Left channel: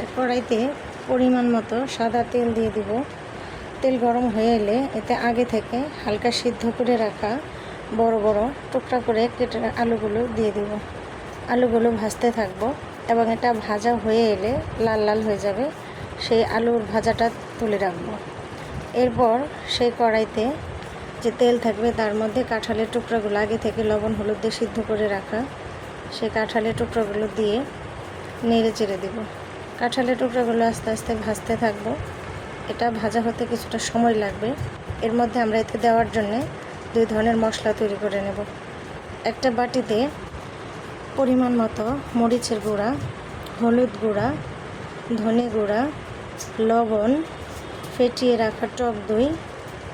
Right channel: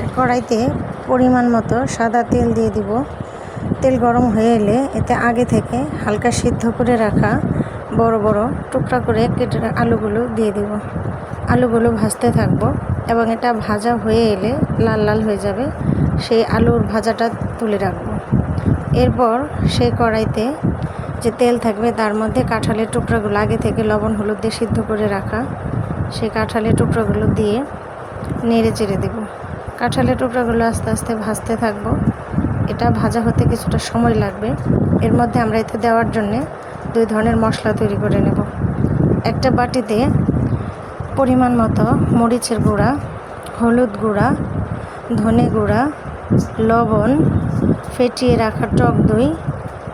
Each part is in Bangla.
আছে। কড়াইতে পরিমাণ মতো সাদা তেল দিয়ে দিব। তেল গরম হয়ে এলে এতে আগে থেকে হালকা সিদ্ধ করে রাখা বড় বড় টুকরা করে কেটে আলুগুলো দিয়ে দিব। আলুগুলো ভাজতে থাকবো এবং এটা ভাজা হয়ে এলে লাল লাল হয়ে যাবে, সেই আলুর ভাজাটা তুলে রাখবো। এরপর সেই কড়াইতে যে তেল থাকবে তার মধ্যে কাঁঠালের টুকরাগুলো আগে থেকে লবণ হলুদ দিয়ে সিদ্ধ করে রাখা সেই কাঁঠালের টুকরাগুলো দিয়ে নেড়ে চেড়ে দেব। কাঁঠালের টুকরাগুলো আস্তে আস্তে ভাজতে থাকবো। এটা ভাজা হতে কিছুটা সময় লাগবে। এর মধ্যে আমরা এতে দেওয়ার জন্যে 2 ধরনের মশলা তৈরি করে নেব। একটা বাটিতে পরিমাণ মতো মরিচের গুঁড়া, হলুদ গুঁড়া, ধনে গুঁড়া, লবণ, ফেটিয়ে রাখা টক দই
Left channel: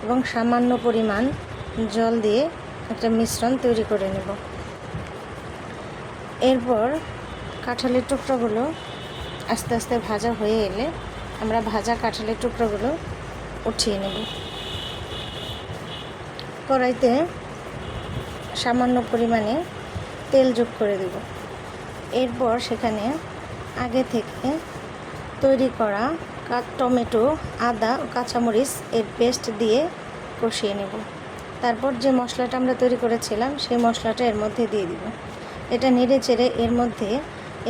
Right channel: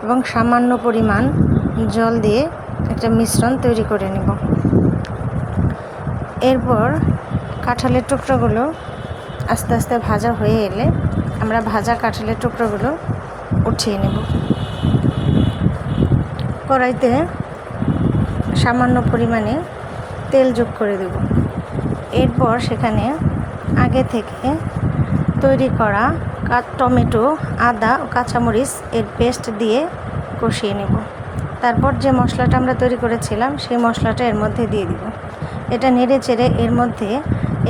এবং সামান্য পরিমাণ জল দিয়ে একটা মিশ্রণ তৈরি করে নেব। এরপর কাঁঠালের টুকরোগুলো আস্তে আস্তে ভাজা হয়ে এলে আমরা ভাজা কাঁঠালের টুকরোগুলো উঠিয়ে নেব। কড়াইতে সামান্য পরিমাণে তেল যোগ করে দেব। এরপর সেখানে আগে থেকে তৈরি করা টমেটো, আদা ও কাঁচামরিচ এর পেস্ট দিয়ে কষিয়ে নেব। তারপর যে মশলাটা আমরা তৈরি করেছিলাম সেই মশলাটা এর মধ্যে দিয়ে দিব। এটা নেড়ে চেড়ে এর মধ্যে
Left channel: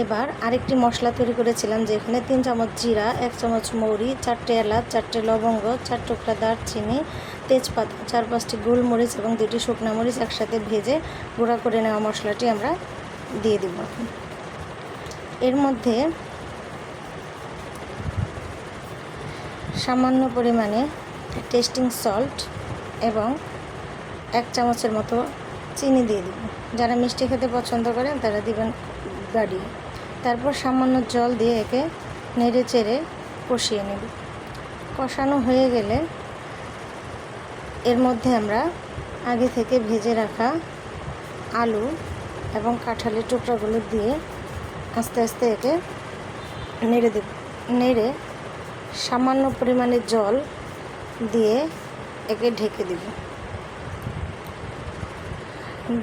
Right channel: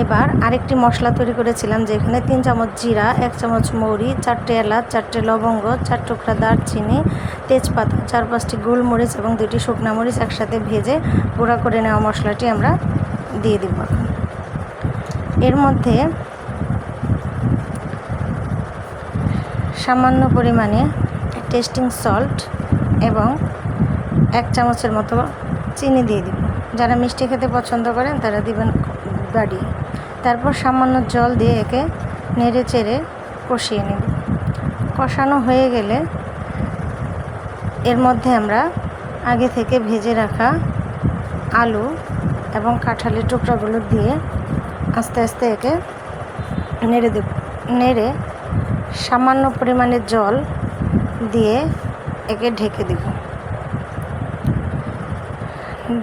এবার আরেকটি মশলা তৈরি করেছিলাম, যেখানে 3 চামচ জিরা, 1 চামচ মৌরি, 4টে এলাচ, 4টে লবঙ্গ, 4 টুকরা দারচিনি, তেজপাতা, 4-5টি গোলমরিচ এবং 2টি শুকনো মরিচ একসাথে ভেজে গুঁড়া করে নেওয়া মশলাটি আমরা দিয়ে দিব। এর মধ্যে সামান্য পরিমাণে টেস্টিং সল্ট এবং 1 চামচের মতো চিনি দিয়ে দিব। যারা মিষ্টি খেতে পছন্দ করেন তারা দিবেন বাড়িয়ে। তারপর সামান্য জল দিয়ে একে নেড়ে চেড়ে কষিয়ে নেব। কষানো হয়ে গেলে এর মধ্যে আমরা আগে থেকে ভেজে রাখা আলু এবং কাঁঠালের টুকরাগুলো দিয়ে আস্তে আস্তে একে নেড়ে দেব। নেড়ে সামান্য পরিমাণে জল দিয়ে একে ঢেকে দেব।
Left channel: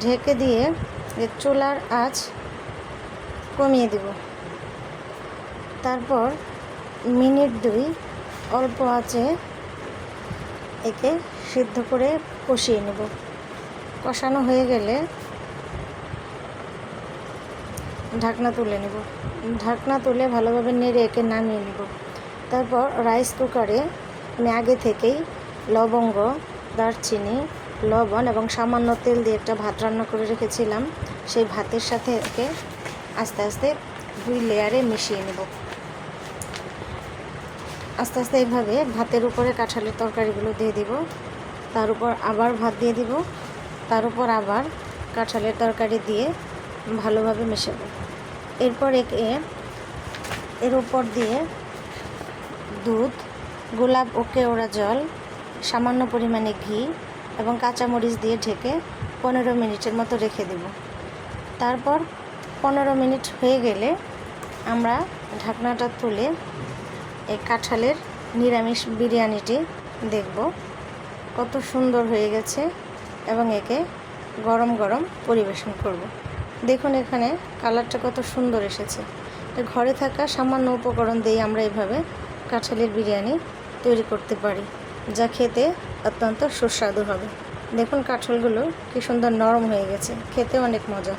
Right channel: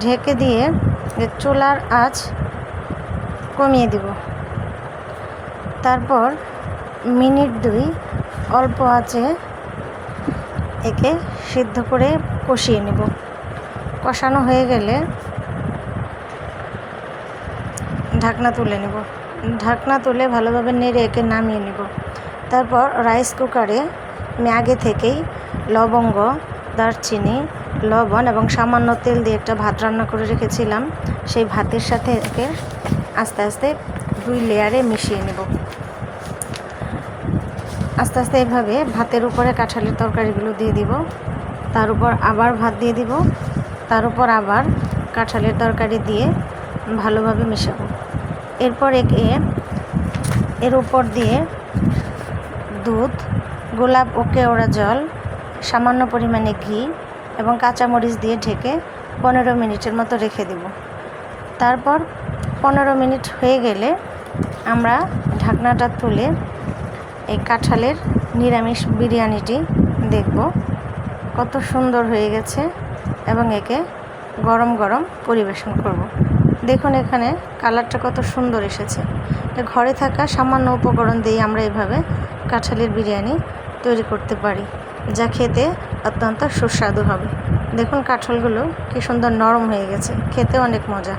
ঢেকে দিয়ে চুলার আঁচ কমিয়ে দিব। তারপর মিনিট 2 অল্প আঁচে একে সিদ্ধ করে কষিয়ে নেব। কষানো হয়ে গেলে ঢাকনা তুলে নেব। ঢাকনা তুলে ভালোভাবে নেড়ে একে নামিয়ে নেব। তারপর রাইস কুকারে আমি আগে থেকেই লবঙ্গ, দারচিনি, লবণ এবং সামান্য তেল দিয়ে একটা ভাত রান্না করে রেখেছিলাম। সেই ভাতের সাথে একে আস্তে আস্তে 2 লেয়ারে মিশিয়ে নেব। আস্তে আস্তে এইভাবে ভাতের উপরে কাঁঠালের তরকারিগুলো দিয়ে দিব। তার উপর আবার ভাত দিয়ে দিব। তার উপর আবার কাঁঠালের তরকারি দিয়ে ভালোভাবে মেশাবো। এরপর একে এর উপর দিয়ে দুধ, গোলাপ ও কেওড়া জল, সামান্য পরিমাণে ঘি এবং কাঁচামরিচ দিয়ে ঢেকে 15 মিনিটের মতো রেখে দেব। তারপর 15 মিনিট হয়ে গেলে আমরা ঢাকনাটা তুলে এই কাঁঠালের নিরামিষ বিরিয়ানিটি দেখব কত সুন্দর হয়ে গেছে এবং একে গরম গরম পরিবেশন করব। দেখুন এখানে কালারটা কত সুন্দর এসেছে। ঘরে থাকা সামান্য উপকরণ দিয়ে আমরা এভাবে কাঁঠালের বিরিয়ানি তৈরি করতে পারি, যা খেতে অত্যন্ত সুস্বাদু হবে। দেখুন কাঁঠালগুলো কি সুন্দর নরম হয়ে গেছে, খেতে অনেক মজা।